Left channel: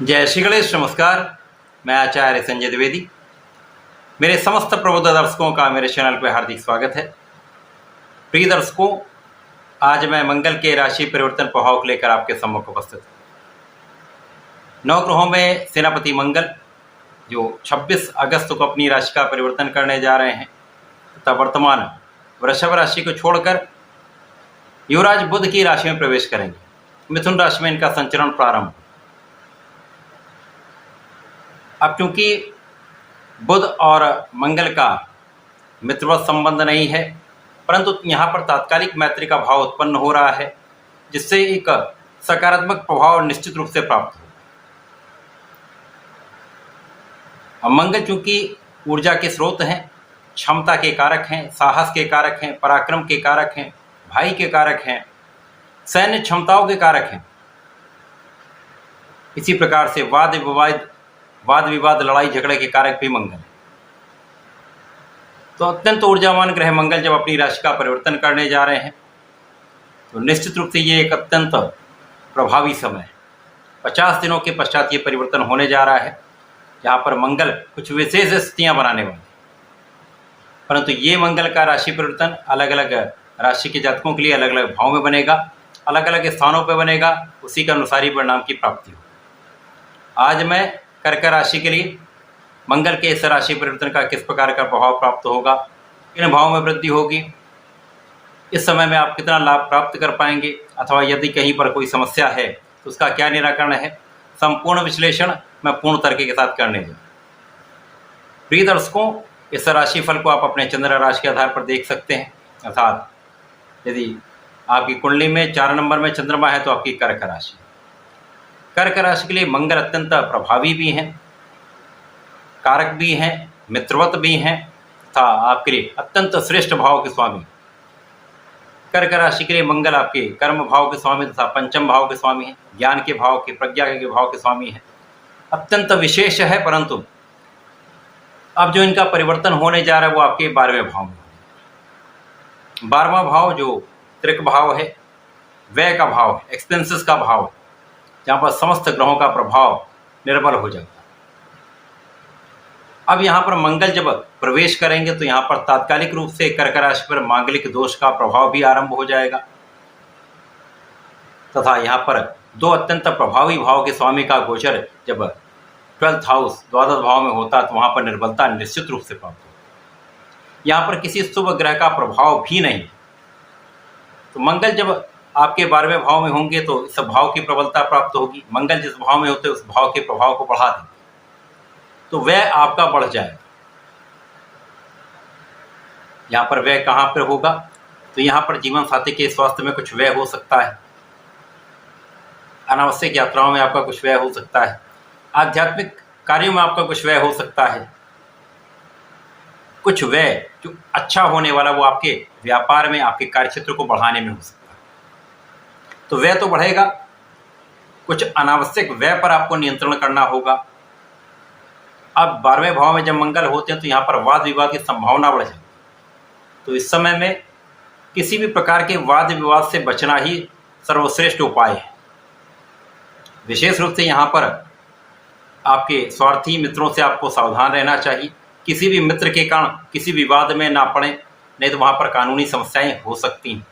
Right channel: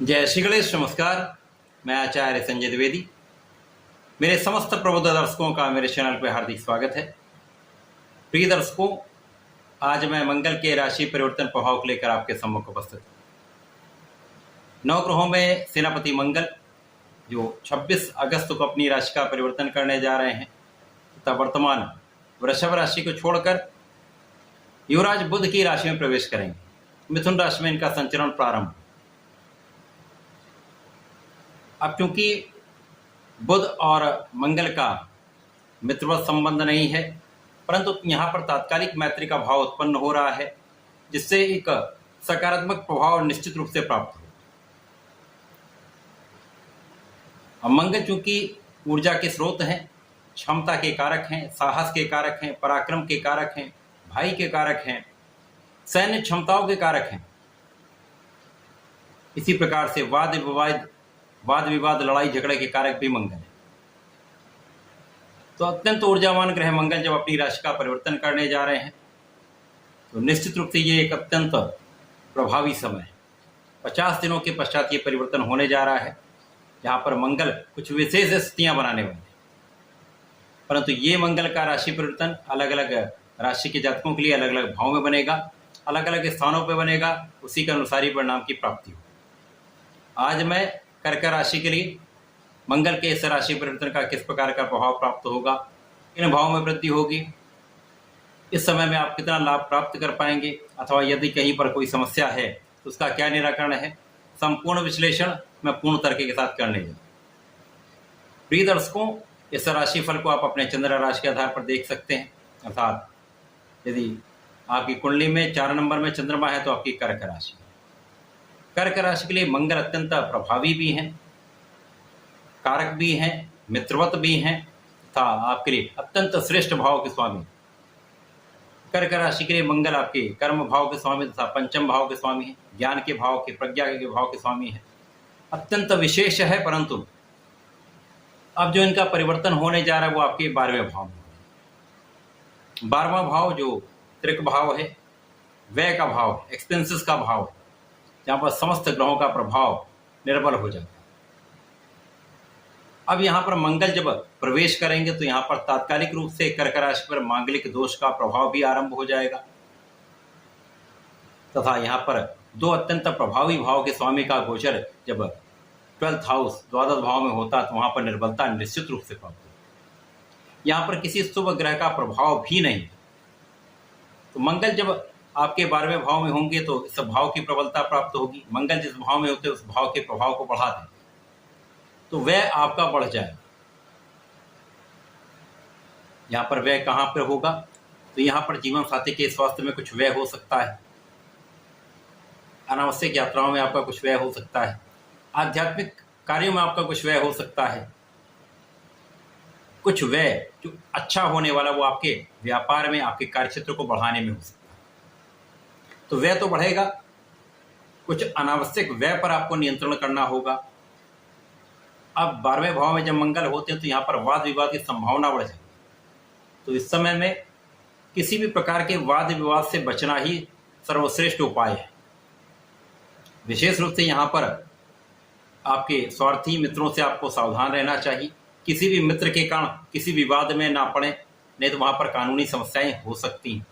जय श्री गणेश। नमस्कार। मैं आचार्य संजय द्विवेदी। मेरे समस्त प्रबुद्ध दर्शकों का मेरे चैनल पर हार्दिक स्वागत है। प्रिय दर्शकों, आज मैं मंगल के राशि परिवर्तन प्रभाव को लेकर आपके सम्मुख उपस्थित हूँ। 9 ग्रहों में सेनापति मंगल जो 26 अगस्त को अपनी राशि का परिवर्तन करने जा रहे हैं तथा वर्तमान वृषभ राशि को छोड़कर युवराज बुध की राशि में प्रवेश करेंगे। मिथुन राशि में इनका संचरण प्रारंभ। अब चूंकि बुध और मंगल का मित्रवत संबंध नहीं है, परंतु यहाँ पर तात्कालिक मैत्री का भाव उत्पन्न हो रहा है, जिससे एक सकारात्मक प्रभाव निश्चित रूप से प्राप्त होगा। अब मंगल चूंकि ऊर्जा के स्रोत हैं, क्षमता के कारक हैं, साहस के कारक हैं, पराक्रम के कारक हैं, भाई के कारक हैं, सैन्य क्षमताओं के कारक हैं। इसी प्रकार से वाद विवाद लड़ाई झगड़े के कारक भी मंगल है। तो अत्यंत ऊर्जावान ग्रह मंगल जब अपनी राशि का परिवर्तन करने जा रहे हैं तो निश्चित रूप से ये एक अत्यंत प्रभावी समय है। 50 दिनों के पश्चात ये परिवर्तन होने जा रहा है, जहाँ पर मंगल कुछ विशेष स्थितियाँ बनाने वाले हैं। परंतु ये मंगल का राशि परिवर्तन अलग अलग राशि के जातकों के लिए अलग अलग भाव में बनेगा, अलग अलग स्थानों पर बनेगा, उसी के अनुसार ही परिणाम की प्राप्ति हो। आज मैं कर्क राशि के लिए मंगल के इस राशि परिवर्तन का किस प्रकार का प्रभाव प्राप्त होगा, किन भाव में वृद्धि होगी, इस समय में आप कितना लाभ प्राप्त कर पाएंगे, अथवा यदि कहीं पर कोई समस्या है तो उसका क्या निराकरण है, संपूर्ण विश्लेषण मैं पूर्ण तरीके के साथ करने दूँ। प्रिय दर्शकों, इस राशि फल को आप अपने चंद्र राशि के आधार पर देख सकते हैं। अर्थात यदि आपकी कुंडली में 4 नंबर में चंद्रमा है तो आपकी कर्क राशि। कर्क राशि के लिए मंगल अत्यंत प्रभावी भी हैं, कारक भी हैं, मित्रवत भी हैं तथा आपके लिए अत्यंत श्रेष्ठ भाव के स्वामी। कर्क राशि के लिए मंगल आपके कर्म भाव के स्वामी तथा पंचम भाव के स्वामी हैं, ज्ञान के भाव के, प्रज्ञा के भाव के स्वामी हैं। अत्यंत विशेष है, परंतु अब जो इनका परिवर्तन होने जा रहा है वो आपके 12वें भाव में। 12वां भाव जो त्रिक भाव है, व्यय का भाव है, एक्सपेंसेस का भाव है, जहाँ पर समस्त ग्रहों का प्रभाव निर्बल हो जाता है। अब यहाँ पर मंगल जब प्रवेश करेंगे तो यहाँ पर तात्कालिक रूप से कर्क राशि पर मांगलिक दोष का प्रभाव भी आरंभ हो जाएगा तथा यहाँ पर 2 अत्यंत प्रभावी भाव के स्वामी का गोचर जब 12th हाउस द्वादश भाव में होता है तो वहाँ पर निर्बलता निश्चित रूप से प्राप्त होती है। यहाँ पर किसी शुभ ग्रह का प्रभाव भी नहीं। तो मंगल जब आपके 12वें भाव में होंगे तो इस भाव की प्रबलता प्राप्त होगी। मंगल जिस भाव में होते हैं उस भाव के प्रभाव को बढ़ा दें तो व्यय आपका बढ़ जाएगा। यहाँ पर व्यय कहाँ पर होगा, तो यहाँ पर जीवन साथी के स्वास्थ्य में कुछ व्यय हो सकता है, अनावश्यक यात्राओं में आपका कुछ व्यय हो सकता है, आध्यात्मिक कार्यों में आपका कुछ व्यय हो सकता है। कुछ व्यय जो अच्छा होने वाला वो आपके व्यापार में, आपके कार्यक्षेत्र को बढ़ाने में हो सकता है। तो व्यय तो बढ़ेगा, कुछ अनावश्यक व्यय पर आपको नियंत्रण करना होगा। अब 12वें भाव में जब मंगल होते हैं तो यहाँ पर वाद विवाद की संभावना बढ़ जाती है। तो इस समय में किसी भी प्रकार के वाद विवाद से बचना ही सर्वश्रेष्ठ उपाय है। विशेष रूप से यहाँ पर आपके स्वार्थी मित्रों से आपको सावधान रहना चाहिए। किसी भी मित्र के कारण किसी विवाद में ना पड़े, नहीं तो वहाँ पर कानूनी समस्याएं हो सकती हैं,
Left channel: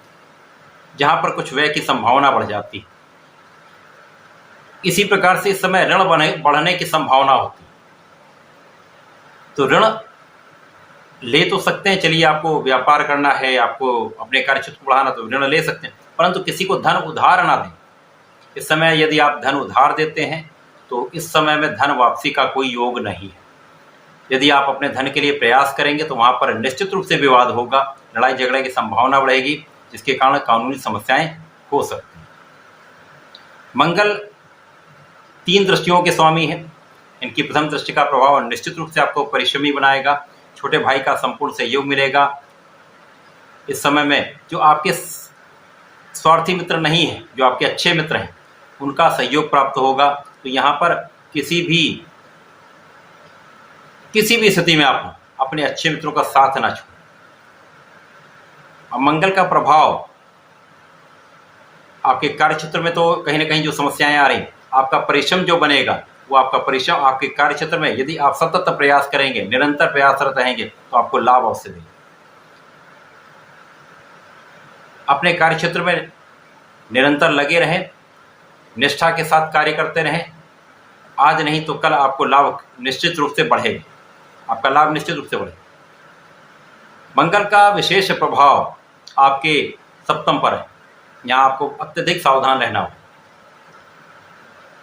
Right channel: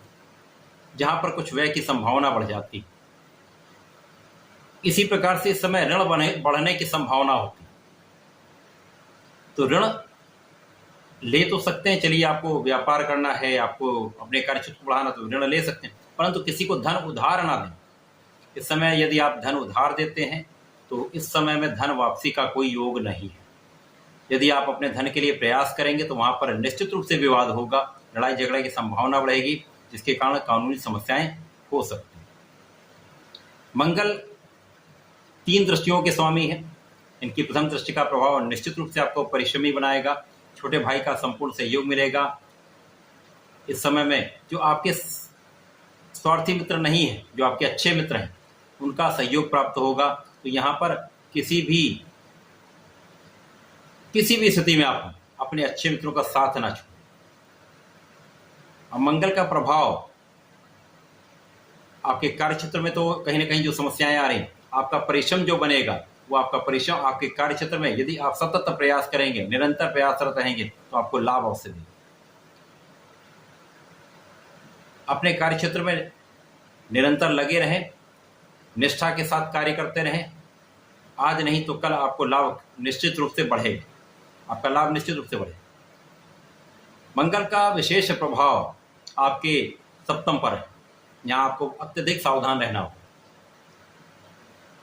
जहाँ पर कुछ व्यय की संभावना बढ़ जाती है। इसी प्रकार से इस समय ऋण बढ़ने की संभावना होती है। तो ऋण ले तो सकते हैं, चलिए आपको व्यापार करना है, आपको अपने कार्यक्षेत्र को बढ़ाना, तो ऋण ले सकते हैं, परंतु किसी को धन उधार ना दें। इस समय यदि आप धन उधार देते हैं तो इस समय में धन वापसी का कोई योग नहीं है। यदि आप अपने धन के लिए प्रयास करेंगे तो वहाँ पर निश्चित रूप से विवाद होगा, लड़ाई झगड़े की संभावना बढ़ेगी, जिसके कारण कानूनी समस्याएं हो सकती हैं। मंगल 3 दृष्टियों के स्वामी हैं। इनकी प्रथम दृष्टि का प्रभाव निश्चित रूप से आपको परिश्रमी बनाएगा, छोटे भाई का संपूर्ण सहयोग मिलेगा। इस समय में जो आपके स्वार्थी मित्र नहीं हैं, जो आपके अच्छे मित्र हैं, उनका सहयोग प्राप्त होगा। तो यहाँ पर किसी भी स्थिति में आप अपने अच्छे मित्रों का साथ ना छोड़ें। और मंगल का प्रभाव आपके कार्य क्षेत्र में तो कहीं ना कहीं जो समस्याएं आ रही, आपका परिश्रम जो बनेगा वो आपका परिश्रम आपके कार्य क्षेत्र में यदि आप सतत प्रयास करेंगे, निरंतर प्रयासरत रहेंगे, तो आपको लाभ अवश्य देगा। अपने कार्य क्षेत्र में निरंतर लगे रहें, निष्ठा के साथ कार्य करते रहें। आज नहीं तो कल आपको लाभ निश्चित रूप से बढ़ेगा, आपका लाभ निश्चित रूप से बढ़ेगा। मंगल का विशेष प्रभाव आपके सप्तम पर है। यहाँ आपको अत्यधिक सावधान रहना हो,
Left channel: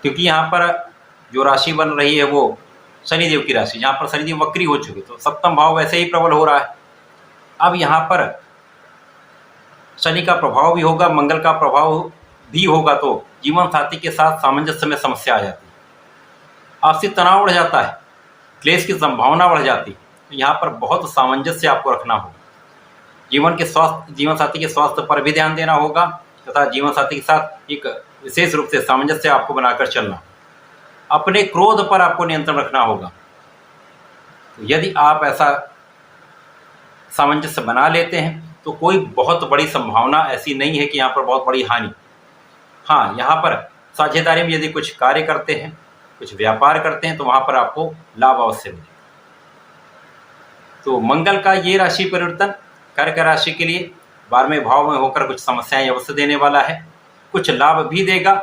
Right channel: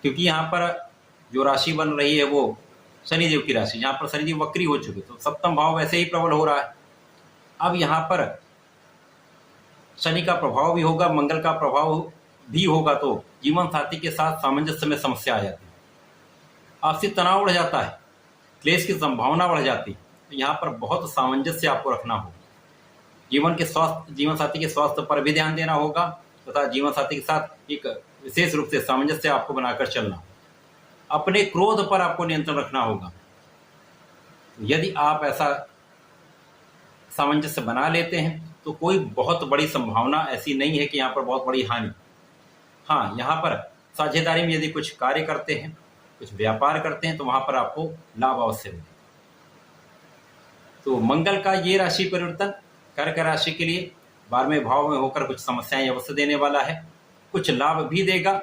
क्योंकि यहाँ पर जो राशि बन रही है वो शनिदेव की राशि, यहाँ पर शनिदेव वक्री हो चुके, तो सप्तम भाव वैसे ही प्रबल हो रहा है। अब यहाँ पर शनि का प्रभाव भी होगा, मंगल का प्रभाव भी होगा, तो जीवन साथी के साथ सामंजस्य में समस्या आ जाती है, आपसी तनाव बढ़ जाता है, क्लेश की संभावना बढ़ जाती है। तो यहाँ पर बहुत सामंजस्य आपको रखना होगा। जीवन साथी के स्वास्थ्य पर भी ध्यान देना होगा तथा जीवन साथी के साथ एक विशेष रूप से सामंजस्य आपको बनाकर चलना। अपने क्रोध पर आपको नियंत्रण रखना होगा। तो यदि आप ऐसा सामंजस्य बना लेते हैं तो कोई बहुत बड़ी संभावना ऐसी नहीं है कि यहाँ पर बहुत बड़ी हानि। हाँ, यहाँ पर साझेदारी में यदि कुछ कार्य करते हैं, कुछ व्यापार करते हैं, तो वहाँ पर आपको लाभ अवश्य मिलेगा। तो मंगल का ये राशि परिवर्तन कर्क राशि के लिए 12वें भाव में होकर कुछ समस्याएं अवश्य देने वाला है, कुछ लाभ भी देगा।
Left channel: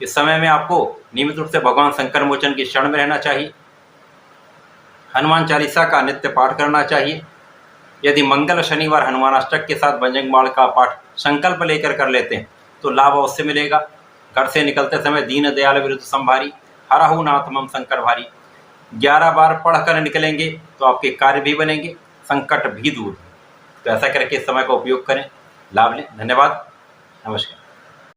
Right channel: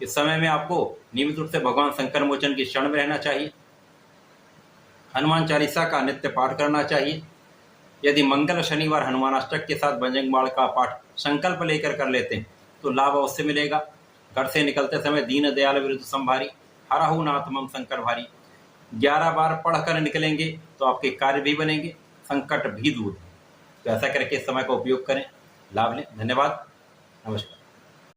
इस समय में आपको नियमित रूप से भगवान शंकर मोचन की शरण में रहना चाहिए, हनुमान चालीसा का नित्य पाठ करना चाहिए। यदि मंगल शनिवार हनुमान अष्टक के साथ बजरंग बाण का पाठ संकल्प लेकर कर लेते हैं तो लाभ अवश्य मिलेगा। घर से निकलते समय दीन दयाल विरुद्ध संभारी, हरहु नाथ मम शंकर भारी, 11 बार पढ़कर निकलेंगे तो आपके कार्य भी बनेंगे, संकट भी दूर। तो ऐसा करके इस समय का उपयोग करें, लाभ लें। धन्यवाद, नमस्कार।